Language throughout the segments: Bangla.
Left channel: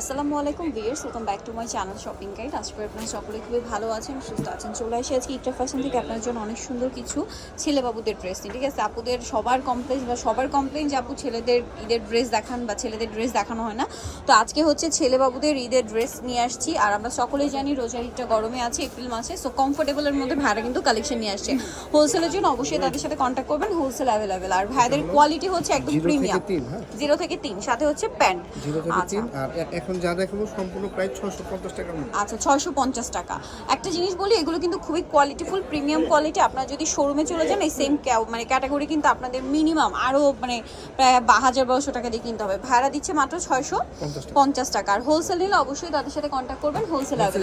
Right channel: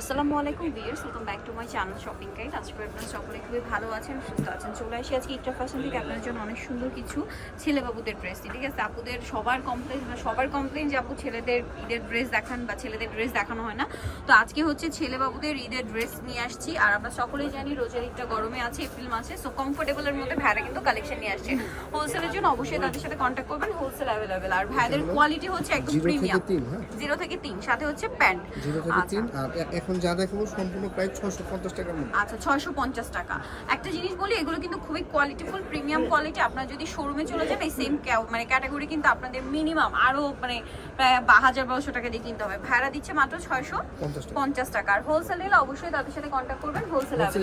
আসসালামু আলাইকুম viewers welcome back to my channel shopping guide আজকে আপনারা সকলে খুবই ভালো আছেন সুস্থ আছেন চলে আসি আজকে ইটার ফ্যাশন থেকে। আপনার জন্য অনেক সুন্দর কিছু ছেলে বাবুদের ড্রেস নিয়ে ঠিক আছে? আপুদের সবার কমপ্লেন বা সবার কমপ্লেন যে আপু ছেলেদের ঈদের ড্রেস দেখান বা ছেলেদের ড্রেস দেখানো হয় না। তো আজকে হচ্ছে ছেলে বাবুদের ঈদের ড্রেস নিয়ে আসছি। আর আমরা সকলেই জানি রোজার ঈদটা গরমে আছে এপ্রিল মাসে সো কমফোর্টেবলের মধ্যে ভাইরা কিন্তু কালেকশন নিয়ে আসছে। হোলসেলের জন্য অবশ্যই তাদের সাথে কন্ট্যাক্ট করবেন হোলসেল অ্যাভেলেবেল আর ভাইদের কোয়ালিটি হচ্ছে একদম প্রিমিয়াম জিরো থেকে তিন সাথে হচ্ছে প্যান্ট জিরো থেকে আচ্ছা। তিন আর এখন যা দেখাবো সম্পূর্ণ প্রায় ছশো পঞ্চাশ টাকার মধ্যে। আচ্ছা ছয়শো পঞ্চাশ টাকা। একটা জিনিস বলি এগুলো কিন্তু খুবই কোয়ালিটিফুল প্রিমিয়াম কোয়ালিটি আপনারা যদি শোরুমে চলে যান এই সেম মানে ক্যাটাগরি কিন্তু আপনাদের মিনিমাম আরও মানে প্রায় বা হাজার বারোশো টাকা দিয়ে কিনতে হবে। ভাড়া দিচ্ছে মাত্র ছয়শো পঞ্চাশ টাকা। আর হোলসেল নিলে অবশ্যই তাদের সাথে কন্ট্যাক্ট করবেন হোলসেল হোলসেল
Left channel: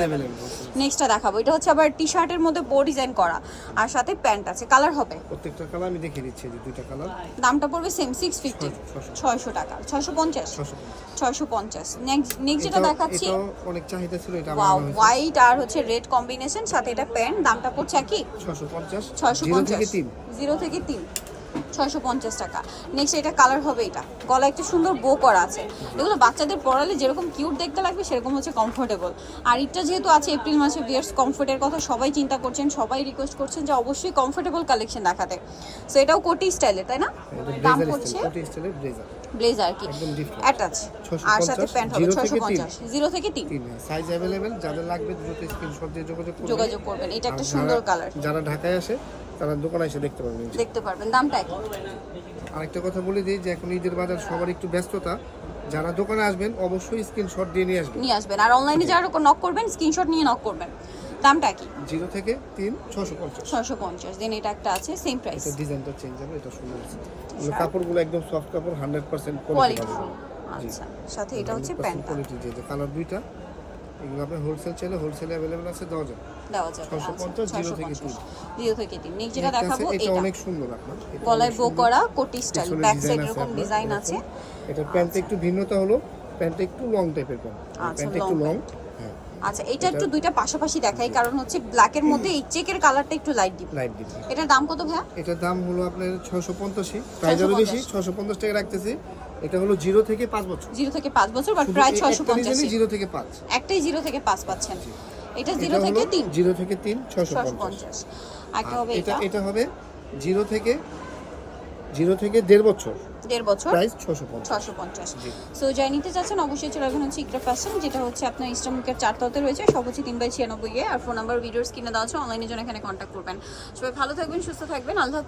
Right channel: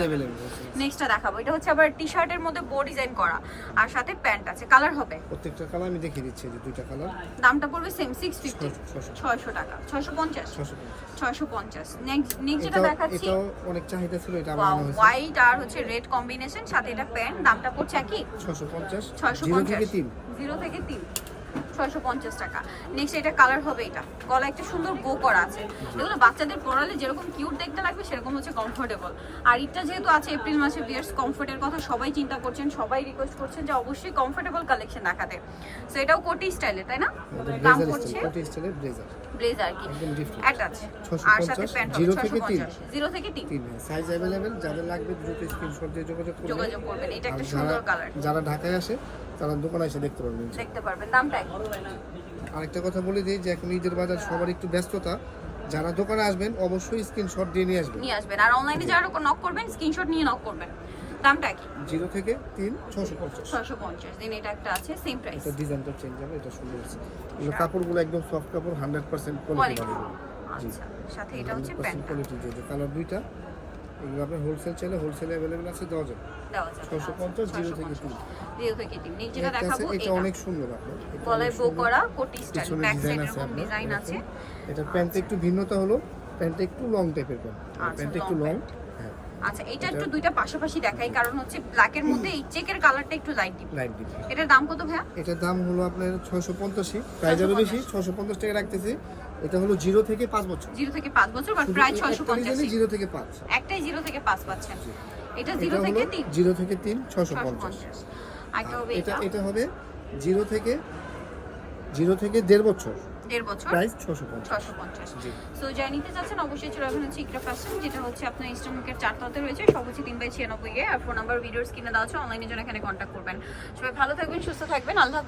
নেক্সটটা দেখাবো। এটা হচ্ছে আবার টি শার্টের মধ্যে বো ডিজাইন করা। আর সাথে প্যান্ট আছে। কালার হবে? প্রত্যেকটা কালার আমি দেখিয়ে দিচ্ছি যে দুইটা কালার দামটা পড়বে সেম সিক্স ফিফটি ছশো ছয়শো। টাকা। ছয়শো পঞ্চাশ? ছশো পঞ্চাশ। ছয়শো পঞ্চাশ। নেক্সট যেটা দেখাচ্ছি। এটা অনেক চাহিদা ছিল এটা আমার হয়েছে। হোয়াইট আর হচ্ছে রেড কম্বিনেশন সাথে এটা প্যান্ট দামটা পড়ছে কি ছশো পঞ্চাশ। ছয়শো জিরো পঞ্চাশ। থেকে তিন। জিরো থেকে তিন। ছয়শো পঞ্চাশ টাকা। নেক্সট এটা কালার হবে এটা। গলা একটা সুন্দর বো করা আছে। এগুলো বাচ্চাদের পরালে যেরকম কিউট দেখতে লাগবে সেরকম হচ্ছে কমফোর্টেবল আর এটা যেহেতু আছে এপ্রিল মাসে বিয়ার্স কমফোর্টের কথা সবাই চিন্তা করছেন সবাই রিকোয়েস্ট করছেন যে অবশ্যই কমফোর্টেবল কালেকশন দেখাতে। সো এটাও কোটি স্টাইলের তাই না? দাম স্টাইল ব্লেজার কি। অ্যাটাচ আর সাথে প্যান্ট হবে ছয়শো পঞ্চাশ জিরো থেকে তিন। তিন সাইজ অ্যাভেলেবেল যাদের লাগবে দ্রুত স্ক্রিনশট দিয়ে যোগাযোগ করবেন। যোগাযোগ করবেন। এটা একটা সুন্দর কালার যারা ঢাকায় আসে তারা দোকানে এসে দেখতে পারবেন। দেখতে পারবেন। দামটা আরেকটা কথা বলে দিই যে এখন ঈদের বাজার সবার একটু ব্যস্ততা। যারা দোকানে আসবেন অবশ্যই স্ক্রিনশট দিয়ে নিয়ে আসবেন। নিয়ে আসবেন। আর অনলাইনে যারা নক করবেন স্ক্রিনশট নিয়ে নক করবেন। দামটা কি? জিরো থেকে তিন ছশো পঞ্চাশ। ছয়শো পঞ্চাশ। দেন এটা একটা আছে সেম প্রাইস এটা ডিজাইনটা চেঞ্জ হবে এটা সুন্দর আছে কাপড়গুলো একদম সফট কাপড় হান্ড্রেড পার্সেন্ট কোয়ালিটি আচ্ছা। সাথে এটা হচ্ছে প্যান্ট কোয়ালিটি যে কালার দুইটা এগুলো আপনার হোলসেল চাইলে হোলসেলে অ্যাভেলেবেল আছে দেওয়া যাবে। দেওয়া জিরো থেকে তিন। জিরো থেকে তিন। নেক্সট যেটা দেখাবো এটা অনেক সুন্দর আপনার। এটা গলায় বো করা কোটি স্টাইল ব্যাক সাইড এরকম ডিজাইন আছে এটা প্যান্টে একটু ভিন্নতা হলো প্যান্টটা একটু লং টাইপের প্যান্ট। প্যান্ট একটু লং আচ্ছা এটা একটু দুইটা পাশাপাশি দেখাই কারণ হচ্ছে ব্ল্যাকের মধ্যে এই চেকের কালারটা একটু লাইট দিবে লাইট দিবে এটার দাম কত ভাইয়া? এটার দাম হলো আপনার ছশো পঞ্চাশি প্রাইস আরও বেশি ছশো পঞ্চাশ টাকা রাখতেছি। এটা হলো জিরো থেকে পাঁচ বছর। জিরো থেকে পাঁচ বছর বা শুধু প্রায় এই ছয়শো একটা পঞ্চাশ ডিজাইনই জিরো থেকে পাঁচ। একটাই জিরো থেকে পাঁচ পাচ্ছেন। এটা এটা জিরো থেকে তিন। জিরো থেকে তিন ছশো ছয়শো পঞ্চাশ। পঞ্চাশ একটা আর হবে এটা এটা। হবে জিরো থেকে জিরো থেকে দেড় বছর। দেড় বছর। প্রাইস ছশো পঞ্চাশ। ছশো পঞ্চাশ। সো যা নিতে চাচ্ছেন অবশ্যই চলে আসবেন হচ্ছে ইকরা ফ্যাশন যেটা হচ্ছে আপনার ইস্টামুকের চারতলাতে রয়েছে সব হচ্ছে তিন বাই ছিয়ানব্বই এ। আর ফোন নাম্বার ভিডিওস কিনে দেওয়া আছে অনলাইনের জন্য এখানে কন্ট্যাক্ট করবেন। সবাই ভালো থাকবেন সুস্থ থাকবেন আল্লাহ